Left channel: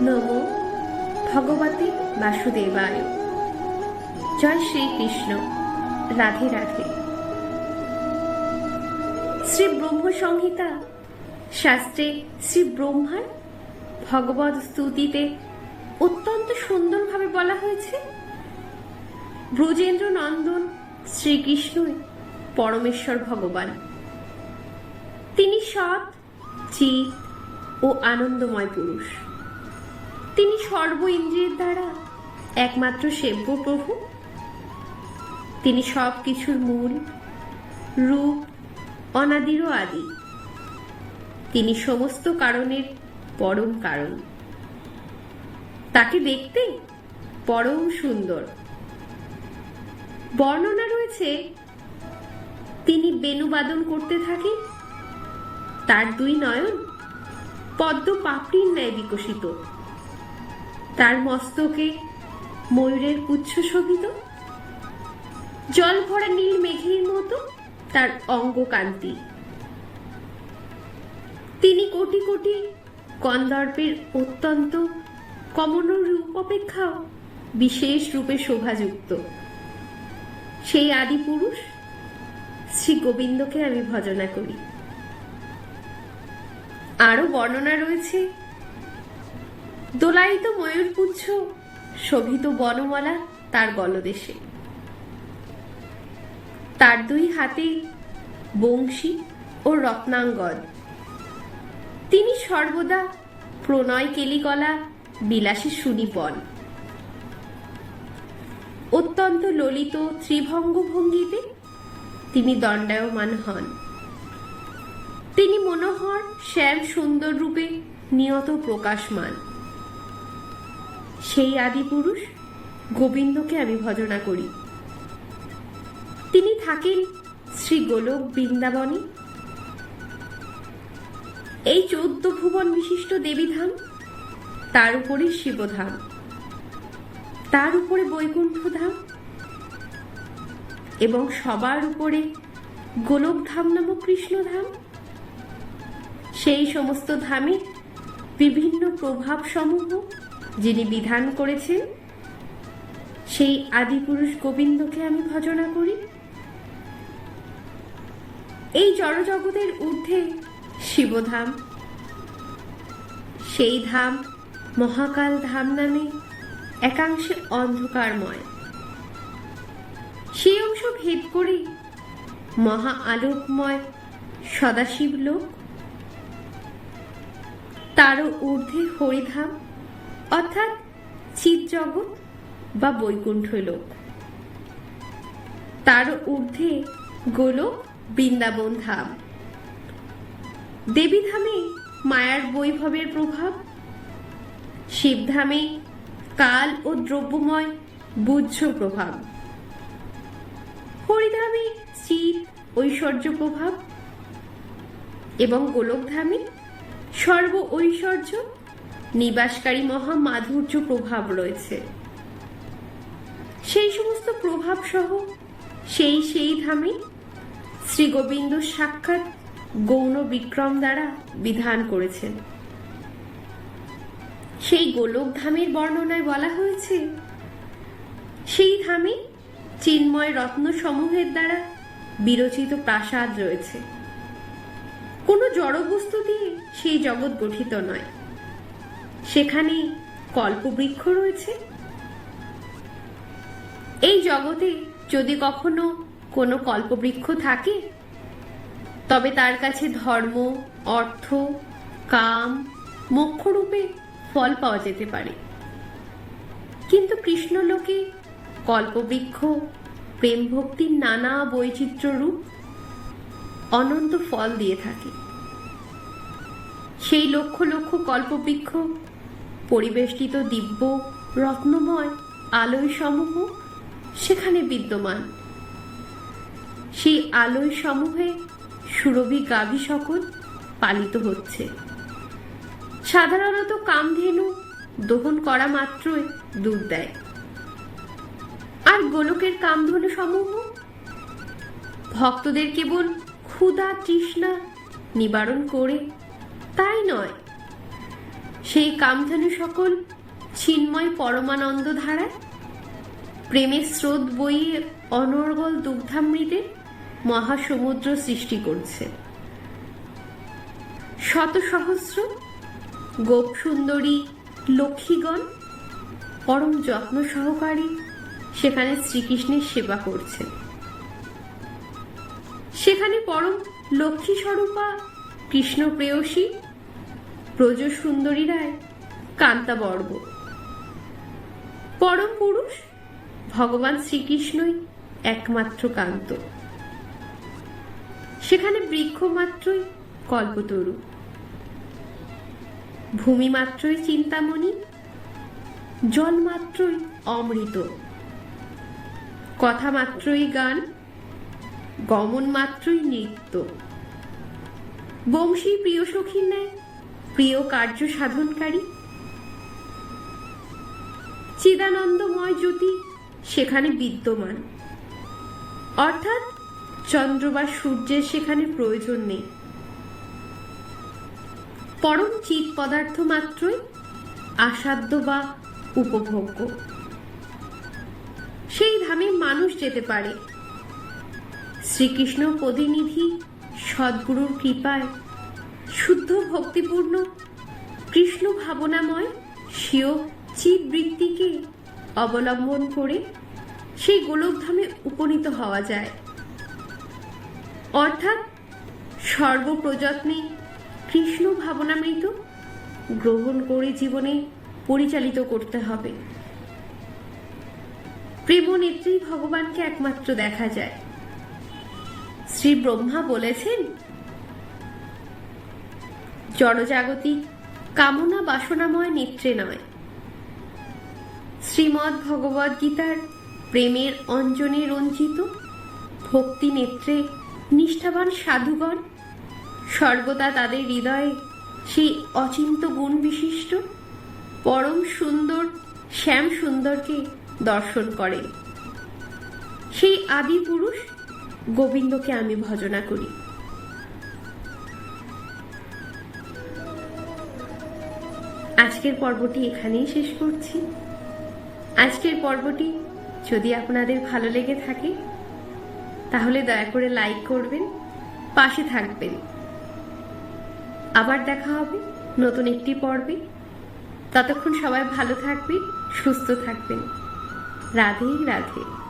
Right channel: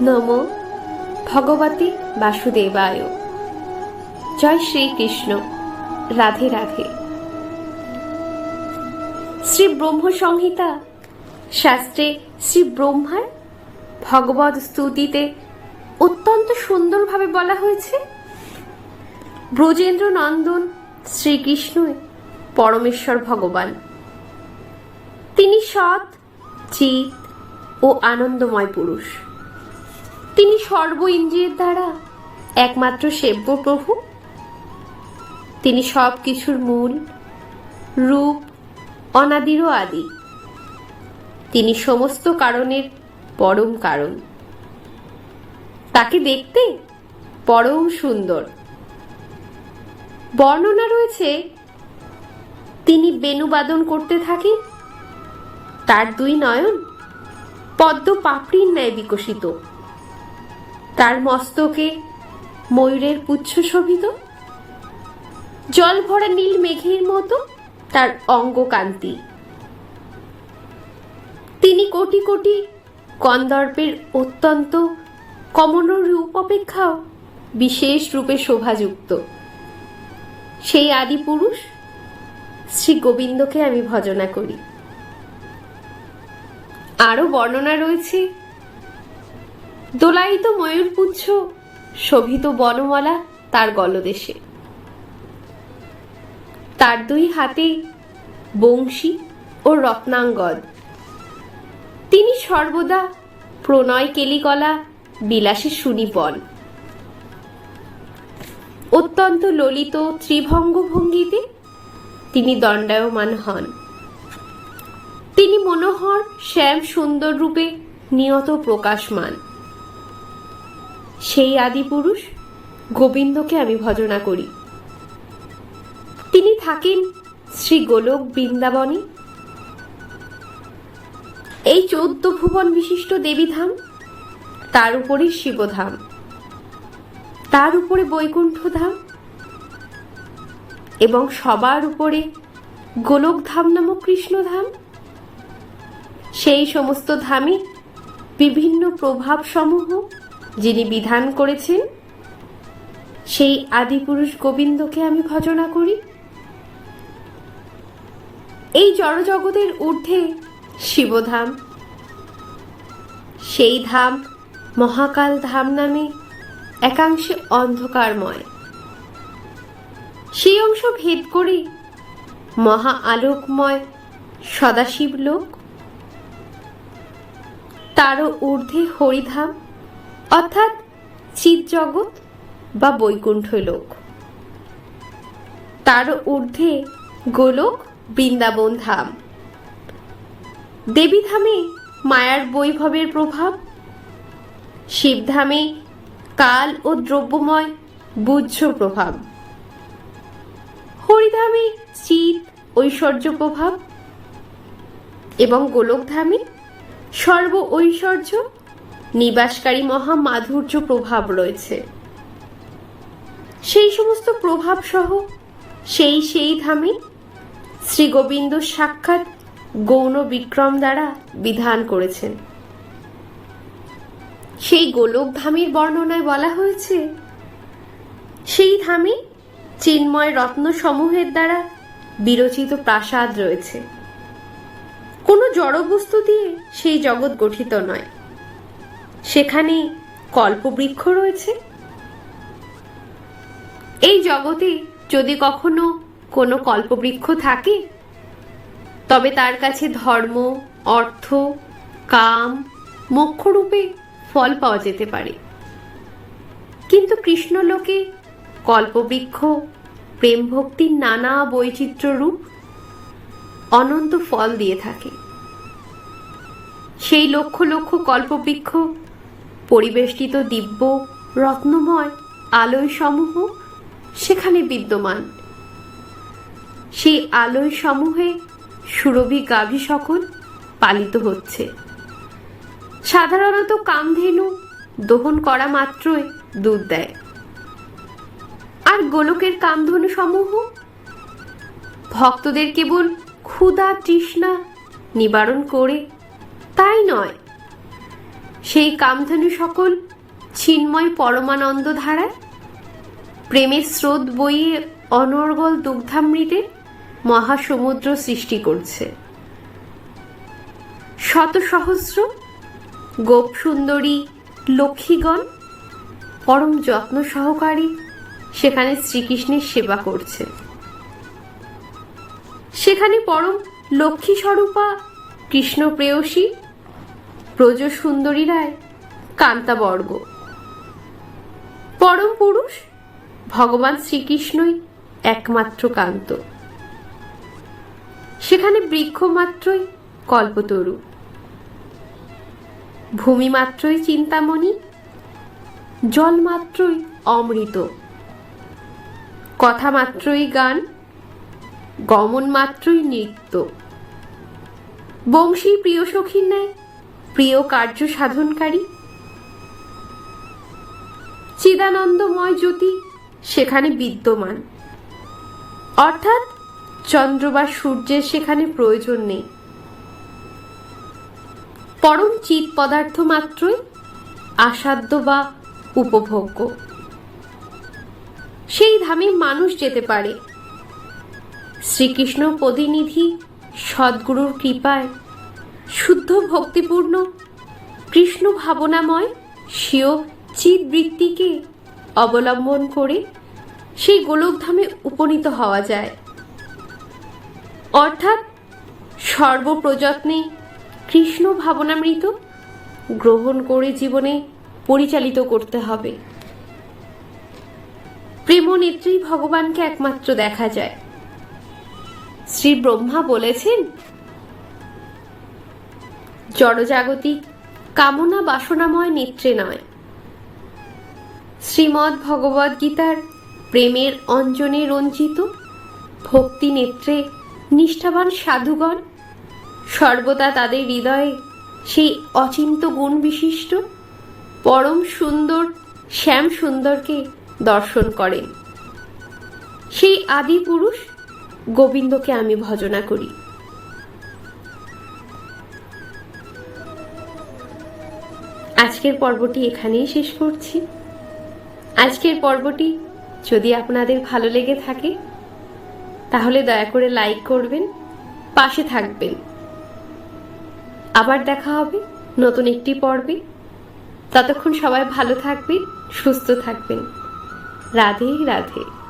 নম ভগবতী বাসুদেবায়। জয় শ্রীকৃষ্ণ। রাধে রাধে। শ্রী ব্রহ্ম সংহিতা শাস্ত্রে শ্রী ব্রহ্মার ভগবত স্তুতিতে অত্যন্ত সুন্দরভাবে বলা হয়েছে ব্রজেন্দ্র নন্দন শ্রীকৃষ্ণ পরমেশ্বর ভগবান। তিনি সৎ, চিত ও আনন্দময় পুরুষ। তিনি সর্ব ইন্দ্রিয়ের দ্বারা, একমাত্র সেব্য প্রভু। তিনি সব কিছুর মূল, রূপ, অনাদিরও আদি। তিনি সমস্ত কারণের পরম কারণ। তাকে দেখতে পরম সুন্দর। বর্ণনা রয়েছে, তিনি বেণুবাদন করতে থাকেন। তার দুই নয়ন পদ্ম পাপড়ির ন্যায় বিকশিত। তার মস্তকে ময়ূরের পুচ্ছ শোভিত। জল ভরা নীল মেঘের মতো তার অঙ্গকান্তি তিনি কোটি কোটি কন্দর্পের অত্যন্ত কমন রূপ অপেক্ষাও বিশেষ রূপে শোভাযুক্ত। সেই আদি পুরুষ শ্রী গোবিন্দকে আমি ভজনা করি। আরও বর্ণনা রয়েছে দোলায়িত ময়ূরপুচ্ছ শোভিত বনমালা তার গলদেশে। তার দুই হাতে বংশী ও রত্নাঙ্গদ তিনি সর্বদা প্রণয় কেলিকলা বিলাসী সুনিপন অত্যন্ত ললিত ত্রিভঙ্গ ভঙ্গিতে তিনি দণ্ডায়মান হন। তিনি মনোহর, শ্যাম সুন্দর রূপে নিয়ত প্রকাশমান। সেই আদি পুরুষ গোবিন্দকে আমি ভজনা করি। তিনি থাকেন শ্রী গোলক বৃন্দাবনে। এই চৌদ্দ ভুবন বিশিষ্ট দেবীধাম, তার উপরে শিবধাম, তার উপরে বৈকুণ্ঠ ধাম এবং সবার উপরে গোলকধাম নামক কৃষ্ণধাম। সেই সমস্ত ধামে বিভিন্ন প্রভাব সমূহ যিনি বিধান করেছেন, সেই আদিপুরুষ গোবিন্দকে আমি ভজনা করি। এই জড়জগতের ঊর্ধ্বে শিবধাম। সেই ধাম মহাকাল ধাম নামে একাংশে অন্ধকারময়। সেই অংশ ভেদ করে মহা আলোকময় সদাশিব লোক। তারও ঊর্ধ্বে হরিধাম। অর্থাৎ চিৎজগৎ বা বৈকুণ্ঠ লোক তার ঊর্ধ্বে গোলক বৃন্দাবন ধাম। দেবীধামে মায়ার বৈভবের প্রভাব। শিবধামে কাল ও দ্রব্যময় বুজ্জ প্রভাব। হরিধামে চিত ঐশ্বর্য প্রভাব। এবং গোলকধামে সর্ব ঐশ্বর্য নিবাসকারী মহা মাধুর্য প্রভাব রয়েছে। সেই সমস্ত প্রভাব সহ সেই সেই ধামে শ্রীগোবিন্দ সাক্ষাৎ গৌণ বিক্রম দ্বারা বিধান করেছেন। সেই গোলক ধামের বর্ণনায় বলা হয়েছে, সেই ধামে চিন্ময় রত্ন সমূহের দ্বারা বিরচিত প্রাসাদ রয়েছে। কোনো জড়বস্তু দিয়ে সেই জগৎ গঠিত নয়। সেখানে কল্পবৃক্ষ রয়েছে। এই জগতে যদি কখনো কোনো কল্পবৃক্ষ থাকে, তবে তার কাছে ধর্ম, অর্থ, কাম, মোক্ষরূপে ফল পাওয়া যেতে পারে। কিন্তু কৃষ্ণলোকে কল্পবৃক্ষ প্রেম ভক্তির নানা বৈচিত্র্য রূপ অনন্ত ফল দিয়ে থাকে। সেই লক্ষ লক্ষ কল্পবৃক্ষ পরিবেষ্টিত দিব্য রত্নময় আলোয় সমূহ সেখানে বিদ্যমান। সেই আলোয় সমূহে সুরভি গাভী সকল পালিত হচ্ছে। সাধারণত কামধেনু দহন করা মাত্রই দুধ দেয়। আর গোলকের কামধনু সমূহ ভক্তদের কেবল ক্ষুধা তৃষ্ণা নিবারণ করে তাই নয় সেই কামধেনু সকল চিন্ময় পরমানন্দ ধারায়? প্রেমের স্রোত বইয়ে অনর্গল দুগ্ধামৃতের মহাসমুদ্র সৃষ্টি করছে। শত সহস্র গোপ সুন্দরী লক্ষ্মীগণ পরম যত্ন সহকারী সেখানে শ্রীকৃষ্ণের সেবা করছে। সেখানে পরম লক্ষ্মী স্বরূপা কৃষ্ণ প্রেয়সী ব্রজ সুন্দরী রায়, কান্তাবর্গ। পরম পুরুষ, ভগবান শ্রীকৃষ্ণই একমাত্র কান্ত। সেখানে বৃক্ষ মাত্রই কল্পতরু। ভূমি মাত্রই চিন্তামণি, জল মাত্রই অমৃত। কথা মাত্রই গান, গমন মাত্রই নৃত্য। বংশী প্রিয় সখীর ন্যায় প্রিয় কার্য সাধনকারী। চিদানন্দময় জ্যোতি সেখানে বিদ্যমান। অর্থাৎ চন্দ্র বা সূর্যের সেখানে প্রয়োজন নেই। পরম চিত পদার্থ মাত্রই আসাধ্য বা উপভোগ্য। সেই ধামে মানুষ যেতে পারে। শ্রীকৃষ্ণ প্রতিনিধি সদ্গুরুর কৃপায় শুদ্ধ ভক্তিপূর্ণ? কৃষ্ণ ভাবনাময়? স্বীয় চিত বৃত্তিকে অবলম্বন করে সেই গোলকধামে উপনীত হওয়া যায়। অর্থাৎ সর্বপ্রযত্নে কৃষ্ণ ভাবনামৃত গ্রহণ করে জীবনে পরিচালিত করতে হবে। প্রেম নেত্রেই ভগবানকে একমাত্র দেখা যায়। শ্রী ব্রহ্মা বলেছেন জড়জাগতিক, কামনা বাসনাময় নেত্রে নয়। শ্রীমৎ ভগবদ গীতার প্রেমের অঞ্জনে রঞ্জিত, ভক্তি নেত্রে নিষ্ঠাবান সাধুগণ, সর্বদা তাদের হৃদয়ে সেই অচিন্ত গুণ বিশিষ্ট, পরম সুন্দর শ্যাম সুন্দরকে দর্শন করেন। সেই আদি পুরুষ গোবিন্দকে আমি ভজনা করি। আজকের পর্বটি এখানেই শেষ করছি। আজকের পর্বটি যদি আপনাদের ভালো লেগে থাকে, তাহলে দয়া করে লাইক করবেন, পাশে থাকবেন। আবার দেখা হবে নতুন একটি পর্বে। ততক্ষণ সবাই ভালো থাকবেন, সুস্থ থাকবেন। রাধে রাধে।